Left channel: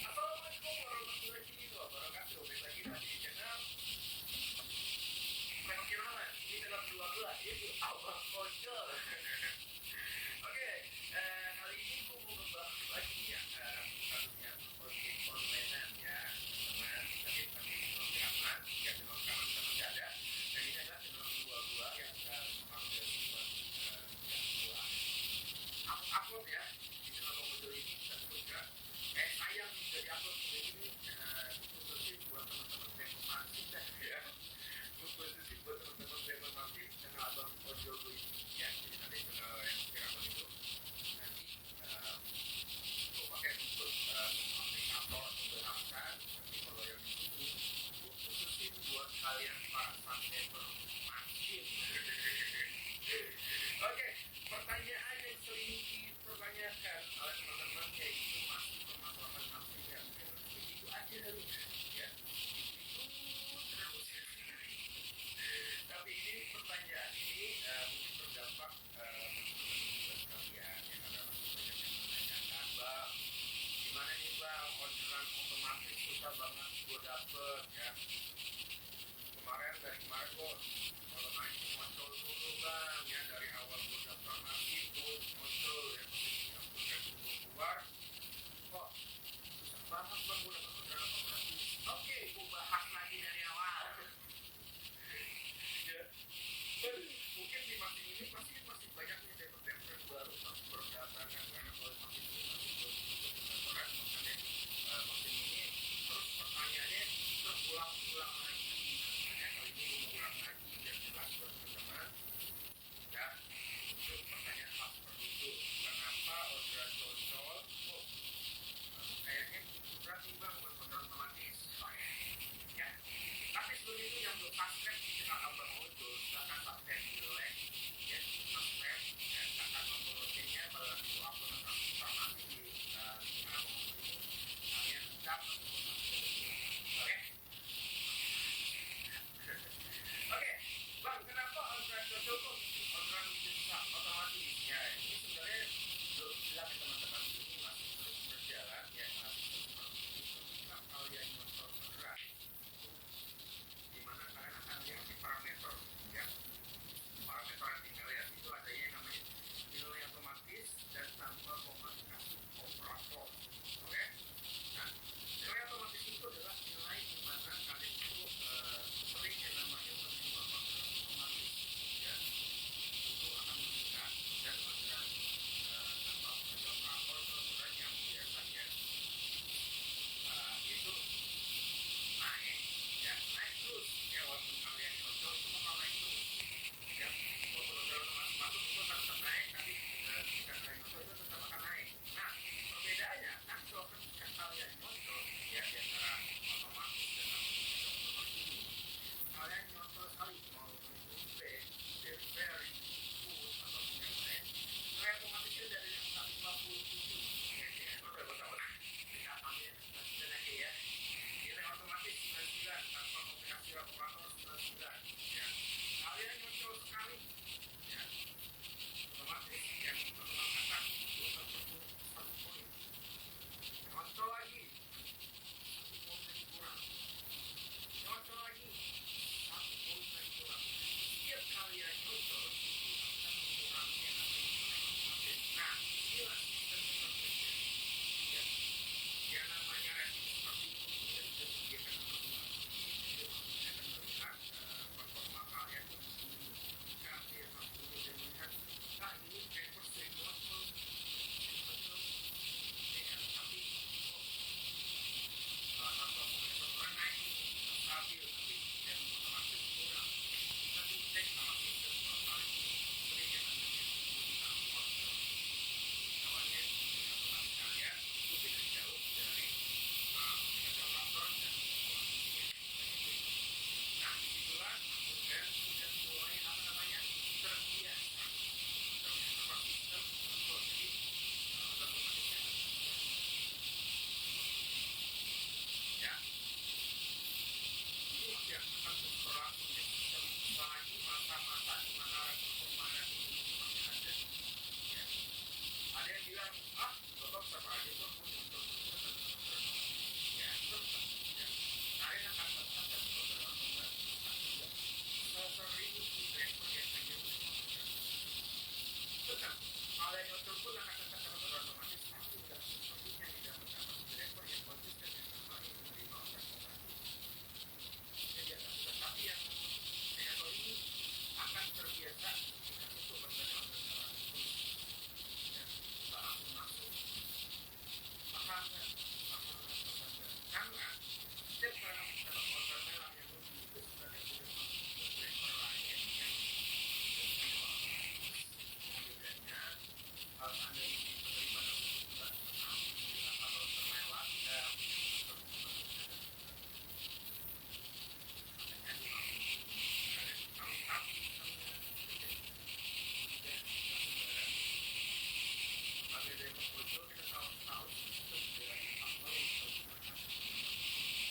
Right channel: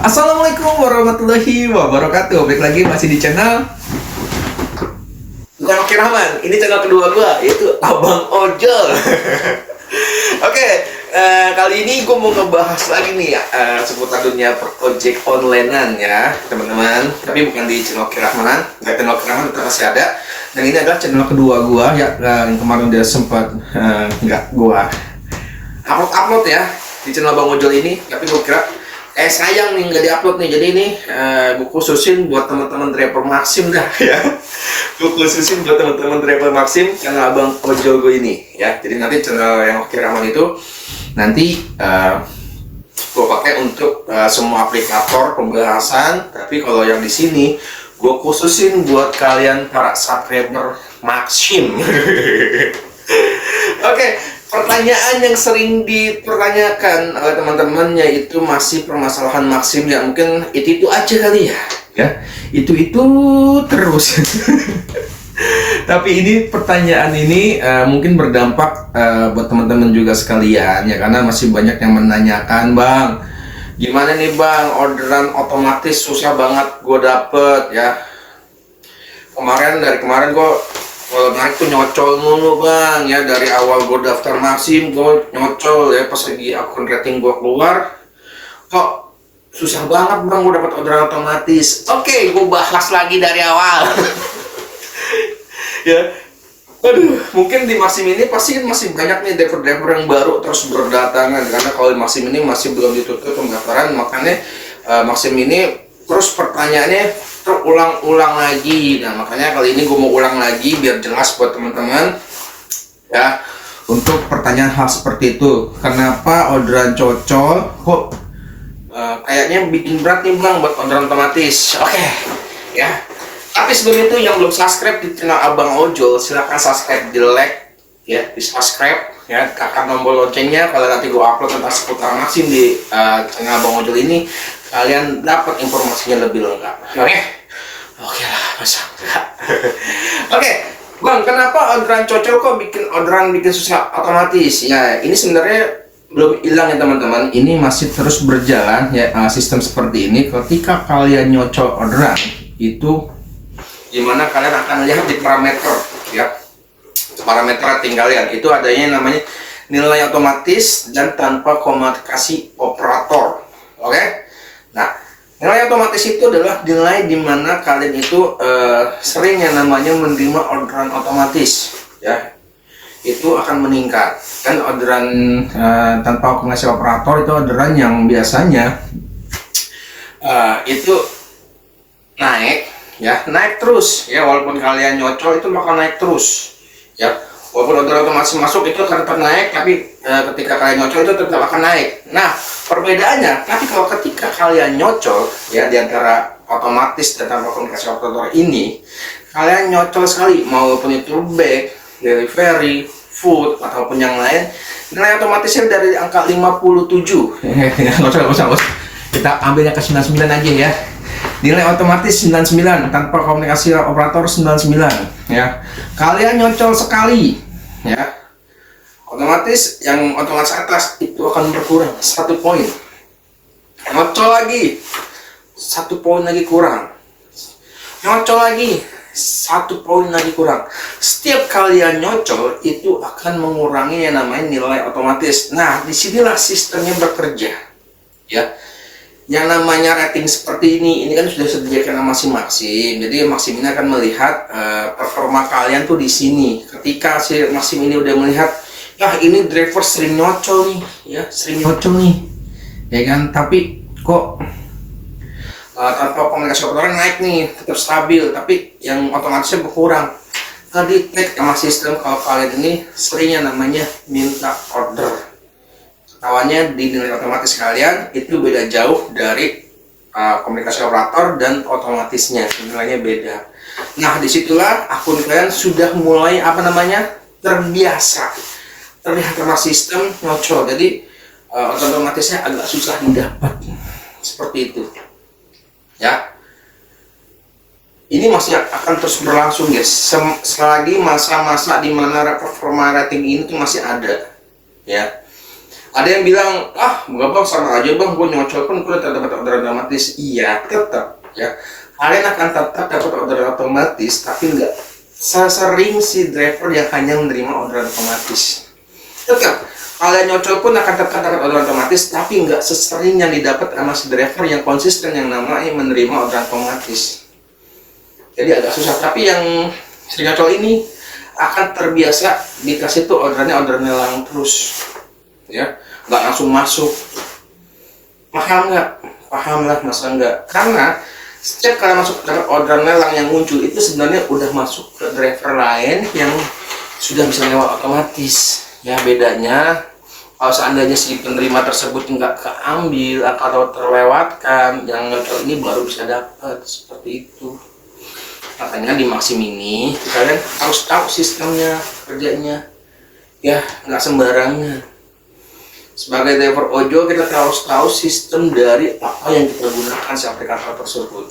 Assalamualaikum warahmatullahi wabarakatuh. Balik lagi masih di channel bukan Oki Rahman. Ini channel kedua gua, yaitu Abang Ojol. Oke, kali ini gue mau ngebahas lagi nih seputar dunia ojek onlinean ya teman-teman. Tapi bukan di channel Oki Rahman. Channel Oki Rahman tetap masih ada. Dan ini adalah channel kedua gua ya, yang kemarin udah sempat nggak gua upload ya di channel Abang Ojol ini. Tapi gue kira sayang nih nggak diupload nih, jadi ini gue khususin buat teman-teman driver Maxim dah ya. Gue khususin buat teman-teman driver Maxim karena Abang Ojol gue ini ya. Jadi nanti channel yang Oki Rahman itu nanti gue pakai untuk semua aplikator pembahasan, tapi kalau yang di sini gue khususin buat kalian para subscriber Maxim. Oke. Pertanyaan yang sering dipertanyakan oleh teman-teman yaitu masih permasalahan Maxim ya, mungkin itu aja kali ya itu terus. Tapi ini pertanyaan ini mungkin berdampak buat teman-teman juga sekalian ya, karena masih banyak yang menanyakan, Bang, gimana nih Bang, orderan otomatis susah banget gue dapet ya. Dari kemarin gue kalau naik tuh nyocol mulu Bang ya, dari awal gue daftar Maxim gue nyocol ya, pas lagi akun rating gue keluar kok susah banget Bang gue dapat orderan otomatis. Oke, gue bahas lagi dari awal. Ya, aduh, mungkin di Maxim ini pasti masih banyak nih driver-driver yang baru terus berdatangan, karena kalau di Maxim ini masih belum ditutup pendaftaran, makanya Maxim ini terus pertanyaannya terulang-ulang lagi. Nah, makanya kali ini gue mau ulang lagi biar jelas buat teman-teman ya, untuk pertanyaan hal seperti itu. Kenapa orderan cocol kok kayaknya bikin berat nih Bang buat orderan otomatis? Oke ya, tapi sebelum itu yang belum subscribe di channel Abang Ojol, silahkan subscribe, di like ya, di subscribe ya, tekan tombol loncengnya. Kalau nanti gue upload tentang seputar Maxim di channel Abang Ojol ini, kalian dapat informasinya lebih lengkap. Oke lah, masa enggak? Oke, Bang, kenapa orderan cocol kok bikin susah otomatis? Ya, ini sebenarnya belum hilang ya teman-teman. Ini masih terus berjalan ya, sistem seperti ini. Ketika kalian nyocol orderan itu, gimana kalian akan lihat di parameter ya. Parameter rating kalian itu adanya namanya nilai otomatis dan tanpa komunikasi operator. Oke? Nah, nilai otomatis itu adalah nilai di mana kalian itu sering yang namanya menerima orderan otomatis ya, itu akan meningkat. Kan orderan tanpa komunikasi operator itu orderan yang biasanya itu naik terus ya, walaupun kalian nyocol itu bakal naik terus ya. Walaupun orderan otomatis masuk itu akan tetap naik, tapi ketika kalian nyocol itu tetap akan naik. Nah, perbedaannya, tapi kalau ketika kalian nyocol ya, di antara otomatis dan tanpa komunikasi operator ini, kalian nyocol sekali, maupun itu bag, delivery, food, ataupun yang lain, nilai otomatisnya dari angka 57. Nggak usah. Kita ambil yang ke 99 aja ya. Nilai otomatis 99, tanpa komunikasi operator 99 ya. Kalian nyocol sekali ya, otomatis yang otomatis atas itu akan berkurang 1 poin. Nyocol lagi 1 poin lagi kurang. Nyocol lagi 1 poin lagi kurang. Setiap kalian nyocol itu akan mengurangi yang namanya nilai otomatis. Nah, disinilah sistemnya bekerja ya. Yang namanya rating seperti ini kan sudah disediakan sama Maxim. Jadi Maxim ini akan melihat performa kalian tuh di sini. Ketika si Maxim ini udah melihat, ini driver sering nyocol nih, ya ya kan. Tapi kok tanpa komunikasi operator naik nih, tetap stabil, tapi yang otomatisnya berkurang. Tadi tag sama sistem kalau kalian ini seringnya namanya minta order. Awalnya di nilai otomatis kalian itu beda jauh dari komunikasi operator dan otomatisnya, nilainya beda. Nah, disitulah akun kalian sudah mulai terbiasa, terlihat sama sistem nyocol. Jadi otomatisnya agak susah didapat, seperti itu ya. Ini masih akan terus berlangsung guys, selagi masa-masa di mana performa rating ini tuh masih ada ya. Ada yang bilang, ah enggak bang, sama aja bang, gue nyocol pun gue tetap dapat orderan otomatis. Iya, tetap ya. Kalian akan tetap dapat orderan otomatis, tapi enggak sesering si driver yang hanya menerima orderan otomatis. Tetap, kalian nyocol pun akan tetap dapat orderan otomatis, tapi enggak sesering yang didapat sama si driver yang konsisten yang namanya menerima orderan otomatis. Jadi agak susah, tapi yang sering nyocol ini akan terbiasa dikasih tuh orderan lelang terus. Ya, nggak langsung masuk. Paham nggak? Paham lah, masa nggak? Karena setiap kali masuk dapat orderan lelang yang muncul itu sebenarnya udah masuk ke driver lain yang sudah bisa lewat otomatis. Ya, bedanya kalau seandainya si penerima tersebut nggak keambil atau terlewatkan, yang ini baru bisa dapat seperti itu. Makanya di Maxim ini kalian harus tahu sistemnya, kerjanya. Ya, nggak sembarangan. Sebagai driver ojol kita harus tahu sistem dari apa yang kita gunakan si aplikator tersebut.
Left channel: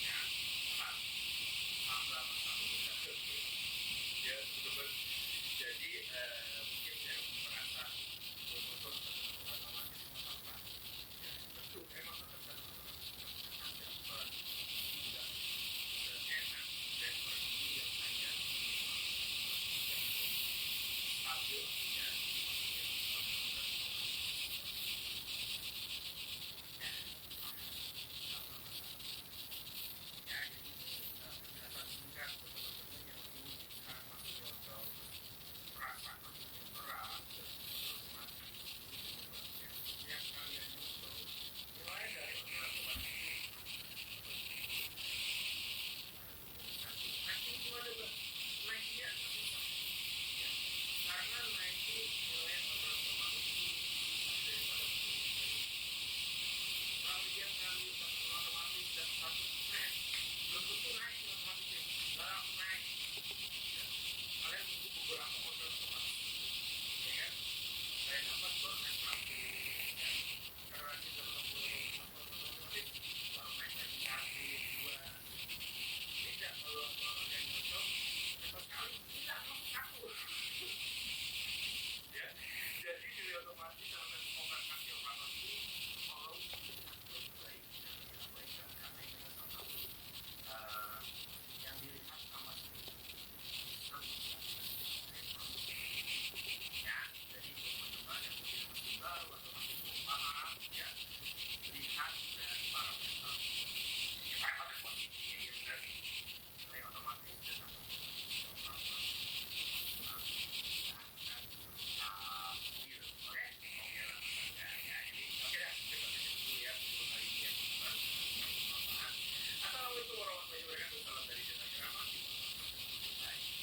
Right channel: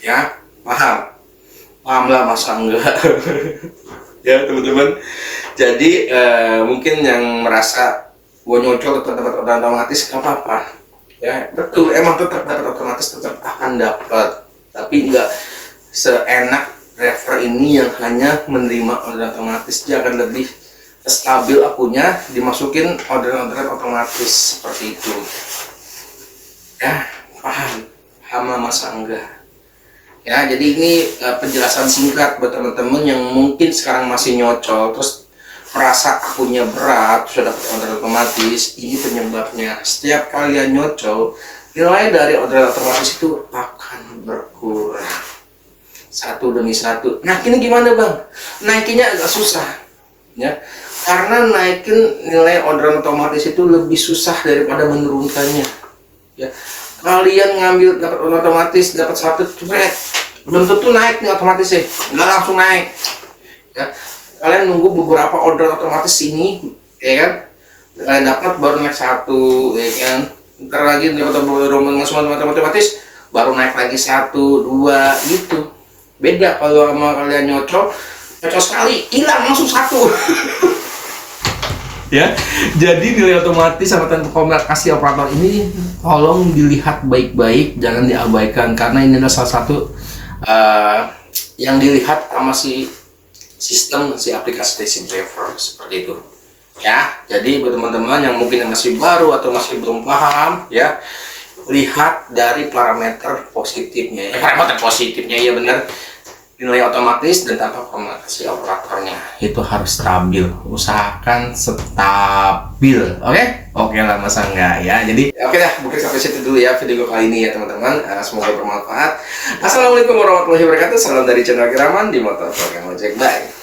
Ya, paham? Paham lah, masa enggak? Ya teman-teman. Jadi mungkin yang merasa gue nyocol tetap dapat orderan otomatis, nggak apa-apa. Ya betul, emang tetap dapat otomatis, tetap akan dapat. Tapi nggak seenak driver ini yang hanya menerima orderan otomatis. Dia akan lebih stabil akunnya, dimasukin orderan otomatis seperti itu. Ya, paham masa enggak? Ya, jadi ini penjelasan singkat buat teman-teman yang mungkin sekarang masih nyocol terus merasa akunnya berat, sudah dapat orderan otomatis. Ini penyebabnya. Setiap kalian nyocol, nilai dari orderan otomatis itu akan berkurang satu demi satu. Nah, ini gimana bang? Naikinnya agak susah, ya. Karena naikin nilai orderan otomatis itu lebih susah daripada menurunkannya. Ya, kalian ngambil dapat orderan otomatis, dapat satu jebret, belum tentu naik nih otomatis sih, nggak langsung naik. Ya, kalian nunggu beberapa orderan otomatis ini, ya kan? Kalian dapat baru naik satu, ya kan? Ntar lagi dapat orderan otomatis, baru naik lagi satu, dua, gitu. Beda kalau sama kalian nyocol sekali, hilang langsung satu. Ya, jadi nilai otomatis sama komunikasi operator ini tolong dilihat baik-baik, jangan diabaikan karena ini adalah salah satu yang dilihat sama si sistem si aplikasi Taxi Driver seperti itu. Ya, jadi buat teman-teman yang mungkin masih baru atau masih belum paham, ya lihat dari parameter positifnya. Parameter positifnya ya benar. Nilai otomatis dan tanpa komunikasi operatornya itu harus stabil, usahakan stabil. Oke lah, masa enggak ya. Jadi oke dah, mungkin sampai situ dulu ya video kali ini ya teman-teman. Semoga bermanfaat. Assalamualaikum warahmatullahi wabarakatuh. Salam dari channel Kiraman di Motor Program Ojek. Bye.